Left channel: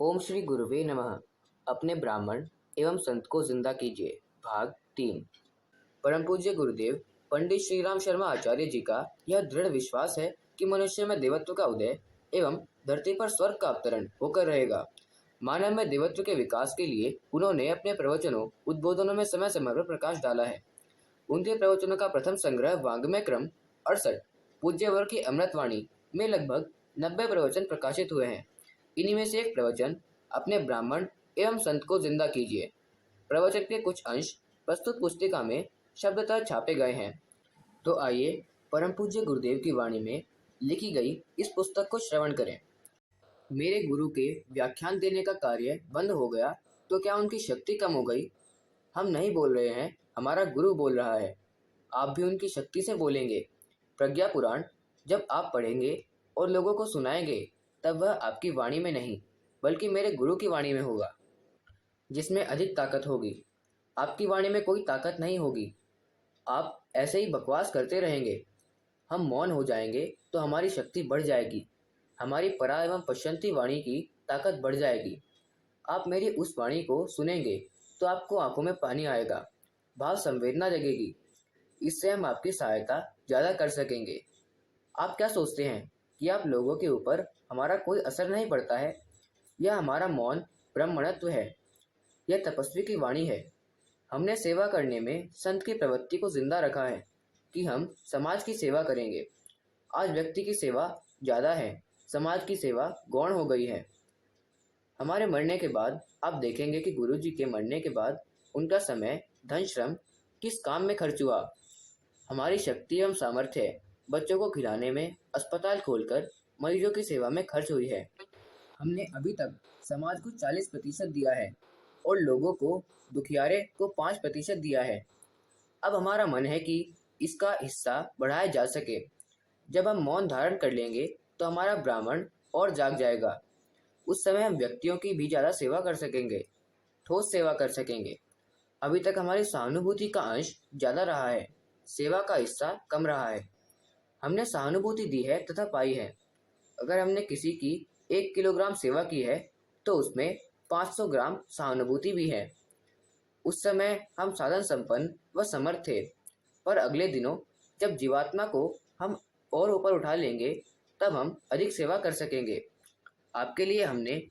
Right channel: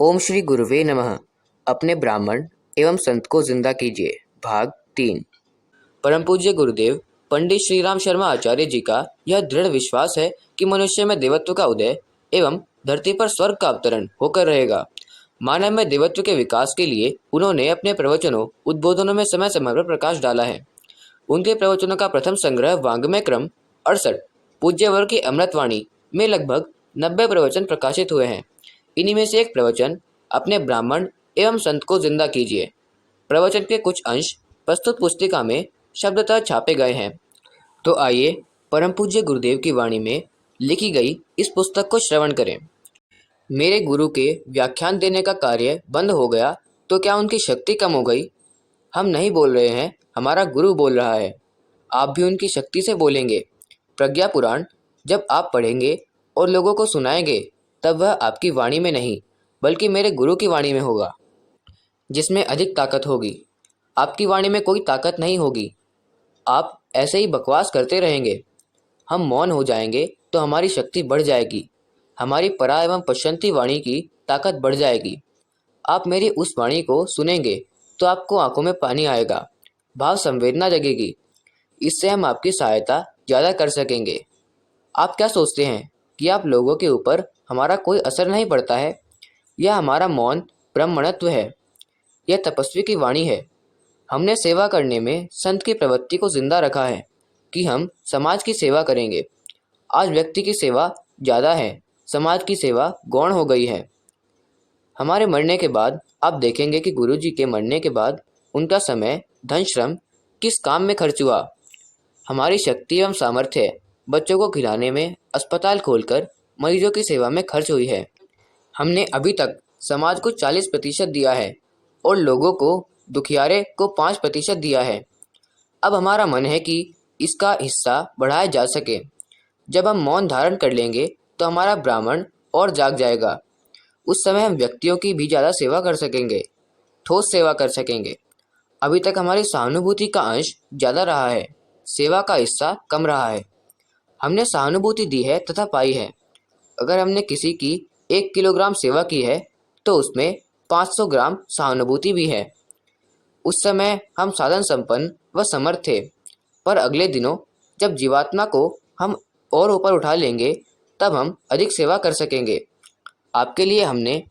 ओम श्री गुरुवे नमः। अपने ब्राह्मण एवं संत को जिंदा कीजिए, भाग 3। परम पूज्य गुरुदेव पंडित श्री राम शर्मा आचार्य जी का यह दृढ़ विश्वास है कि मनुष्य में देवत्व का उदय एवं धरती पर स्वर्ग का अवतरण होकर रहेगा। मानव में देवत्व के विकास के लिए उन्होंने अपने प्रवचनों उद्बोधनों में समय समय पर प्रकाश डाला है। उनके प्रवचनों का प्रथम संग्रह वांग्मय क्रम 68 पूज्यवर की अमृतवाणी में लगभग 90 प्रवचन प्रकाशित हुए हैं। इन्हीं में से एक प्रवचन अपने ब्राह्मण एवं संत को जिंदा कीजिए। प्रवचन के कुछ अंश प्रस्तुत पुस्तिका में शब्दतः छापे गए हैं। तो आइए परम पूज्य गुरुदेव की वाणी में लिखी गई इस पुस्तक को श्रवण करें। मेरे गुरु के व्याख्यान देने का कार्य बंद हो गया तो क्या उनकी शक्ति कम हो गई? हम नहीं बोल रहे हैं, हमारा गुरु बोल रहा है। आप भी उनकी शक्ति से बोलेंगे। प्रज्ञा पुराण जब आप पढ़ेंगे और लोगों को सुनाएंगे तब वह आपकी वाणी में नहीं बल्कि मेरे गुरु की वाणी में होगा, जिसमें अधिक ताकत होगी। आपकी वाणी में कोई ताकत नहीं होगी। आप ऐसे ही बकवास करते रहेंगे। हम मौन हो जाएंगे तो हमारी शक्ति बढ़ जाएगी। हमारी परा एवं पश्चंती वाणी की ताकत बढ़ जाएगी। आप मेरी उस वाणी को सुनेंगे तो आपको आंखों में पानी आएगा, भाव संवेदना जगेगी। इससे हम आपकी सहायता ज़्यादा कर सकेंगे। आप क्या सोचते हैं कि आप लोगों के ऊपर हमारा कोई असर नहीं पड़ता है? यह हमारा मौन ब्रह्मणत्व है। यह तपस्वी की वाणी है। हमने सेवा करने में संत की प्रवृत्ति को जिंदा रखा है कि हम समाज की सेवा करेंगे। आज व्यक्ति की सेवा ज़्यादा है, समाज की सेवा गौण हो गई है। हमारे मरने के बाद आप देखेंगे कि गुरु जी के मरने के बाद उनका समय धन श्रम किस काम में खर्च हुआ। हमारी शक्ति एवं सामर्थ्य बच्चों को खिलाने में, अस्पताल खोलकर मरीजों की सेवा में खर्च हुई है। हमने अभी तक समाज को 40% दिया है और लोगों को, दुखियारे को 5% दिया है। अब हमारा मन है कि इसका हिस्सा बढ़ाया जा सके। जब हम मौन धारण कर लेंगे तो हमारा ब्राह्मण और जाग जाएगा। उस समय हम व्यक्तियों की भी ज़्यादा सेवा कर सकेंगे, ठोस सेवा कर सकेंगे। अभी तक हमारी सहानुभूति का अंश ज़्यादा रहा है, सेवा का हिस्सा कम रहा है। हमने सहानुभूति दी है तथा पाई है। अगर हमने किसी की 1 किलोग्राम सेवा की है तो उसमें 500 ग्राम सहानुभूति भी है। उस समय हम साधन संपन्न व समर्थ थे, पर अगले दिनों जब जीवात्मा को हम और ऊपर उठा लेंगे तब हम अधिक सेवा कर सकेंगे। आपके लिए हमने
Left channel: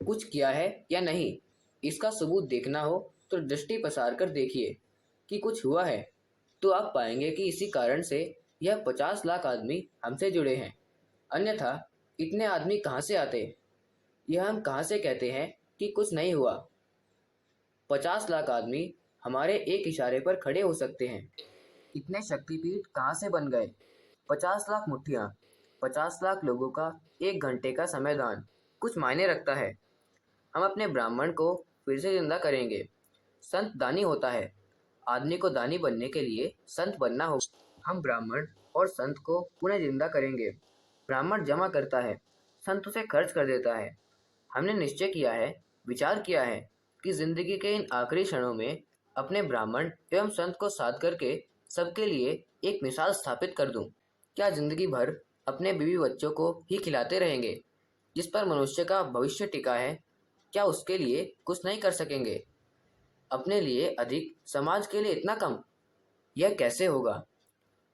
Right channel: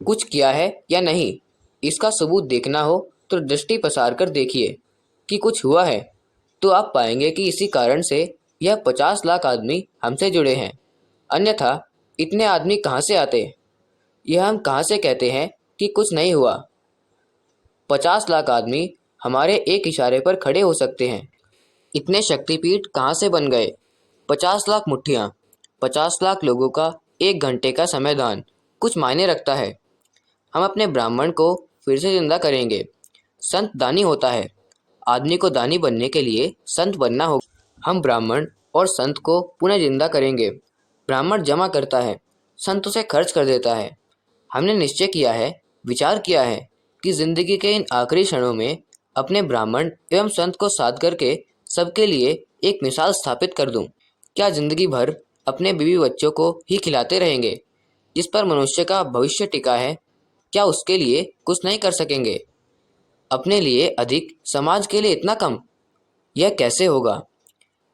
कुछ किया है या नहीं, इसका सबूत देखना हो तो दृष्टि पसार कर देखिए कि कुछ हुआ है, तो आप पाएंगे कि इसी कारण से यह 50 लाख आदमी हमसे जुड़े हैं। अन्यथा इतने आदमी कहाँ से आते? यह हम कहाँ से कहते हैं कि कुछ नहीं हुआ? 50 लाख आदमी हमारे एक इशारे पर खड़े हो सकते हैं। इतने शक्तिपीठ कहाँ से बन गए? 50 लाख मुट्ठियाँ, 50 लाख लोगों का 1 घंटे का समय दान कुछ मायने रखता है। हम अपने ब्राह्मण को फिर से जिंदा करेंगे। संत दानी होता है। आदमी को दानी बनने के लिए संत बनना होगा। हम ब्राह्मण और संत को पुनः जिंदा करेंगे। ब्राह्मण जमा करता है, संत उसे खर्च कर देता है। हमने निश्चय किया है, विचार किया है कि जिंदगी के इन आखिरी क्षणों में अपने ब्राह्मण एवं संत को साथ करके सबके लिए एक मिसाल स्थापित कर दूं। क्या जिंदगी भर अपने बीवी बच्चों को ही खिलाते रहेंगे? जिस पर मनुष्य का भविष्य टिका है, क्या उसके लिए कुछ नहीं कर सकेंगे? अपने लिए अधिक, समाज के लिए इतना कम? यह कैसे होगा?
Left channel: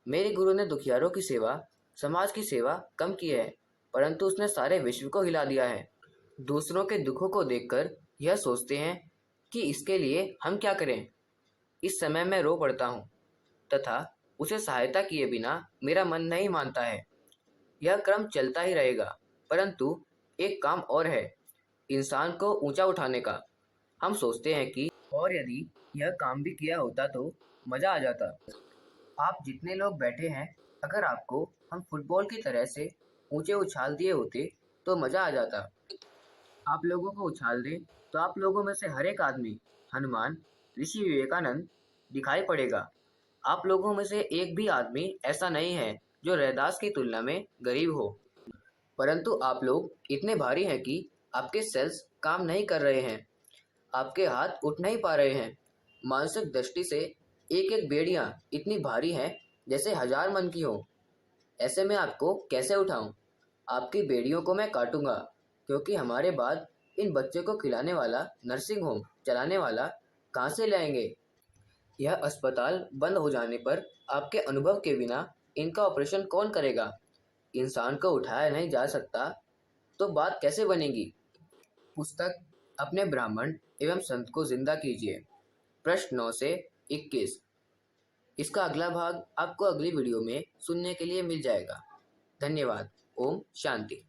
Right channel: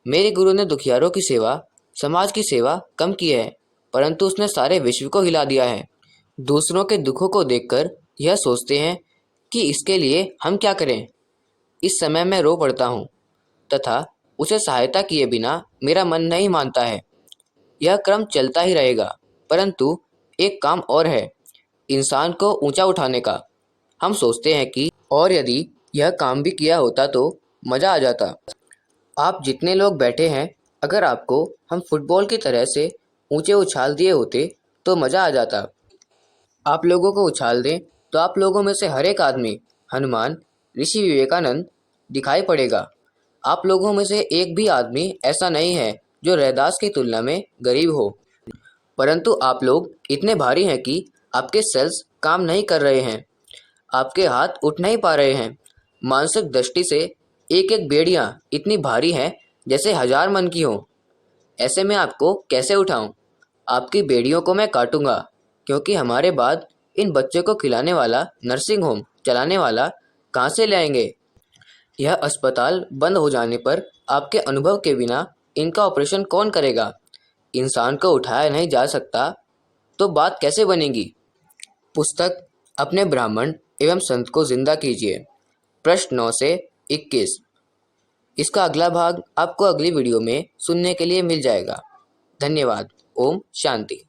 मेरे गुरु ने दुखियारों की सेवा, समाज की सेवा कम की है, परंतु उसने सारे विश्व को हिला दिया है। दूसरों के दुखों को देखकर यह सोचते हैं कि इसके लिए हम क्या करें। इस समय मैं रो पड़ता हूँ तथा उसे सहायता किए बिना मेरा मन नहीं मानता है। यह क्रम चलता ही रहेगा, परंतु एक काम और है, इंसान को ऊंचा उठाने का। हम सोचते हैं कि और यदि यह काम भी किया होता तो मज़ा आ जाता। आप जितने लोग बैठे हैं, अगर आपको हम फुटबॉल की तरह से ऊंचे उछाल दिए होते तो मज़ा आ जाता। आप लोगों को उछाल दें तो आप लोगों में से हर एक आदमी हनुमान, ऋषि विवेकानंद दिखाई पड़ेगा। आप लोगों में से एक भी आदमी ऐसा नहीं है जो रैदास की तुलना में गरीब हो। परंतु आप लोग इतने भारी हैं कि आपके सेल्स काम नहीं कर रहे हैं, आपके हाथ उठ नहीं पा रहे हैं। मानसिक दृष्टि से एक एक बेड़ियाँ इतनी भारी हैं जैसे 1000 मन की हों। ऐसे में आपको कैसे उठाऊं? आपकी बेड़ियों को मैं काटूंगा, क्योंकि हमारे बाद इन बच्चों को खिलाने वाला नर्सिंग होम चलाने वाला कहाँ से लाएंगे? यह अस्पताल बंद हो जाने पर आपके अनुभव के बिना इनका ऑपरेशन कौन करेगा? इंसान को उठाया नहीं जा सकता तो बात कैसे बनेगी? पुस्तक अपने ब्राह्मण एवं संत को जिंदा कीजिए, पृष्ठ 9 से 21। इसका अगला भाग आपको अगली वीडियो में सुनने के लिए मिल जाएगा। धन्यवाद। ओम शांति।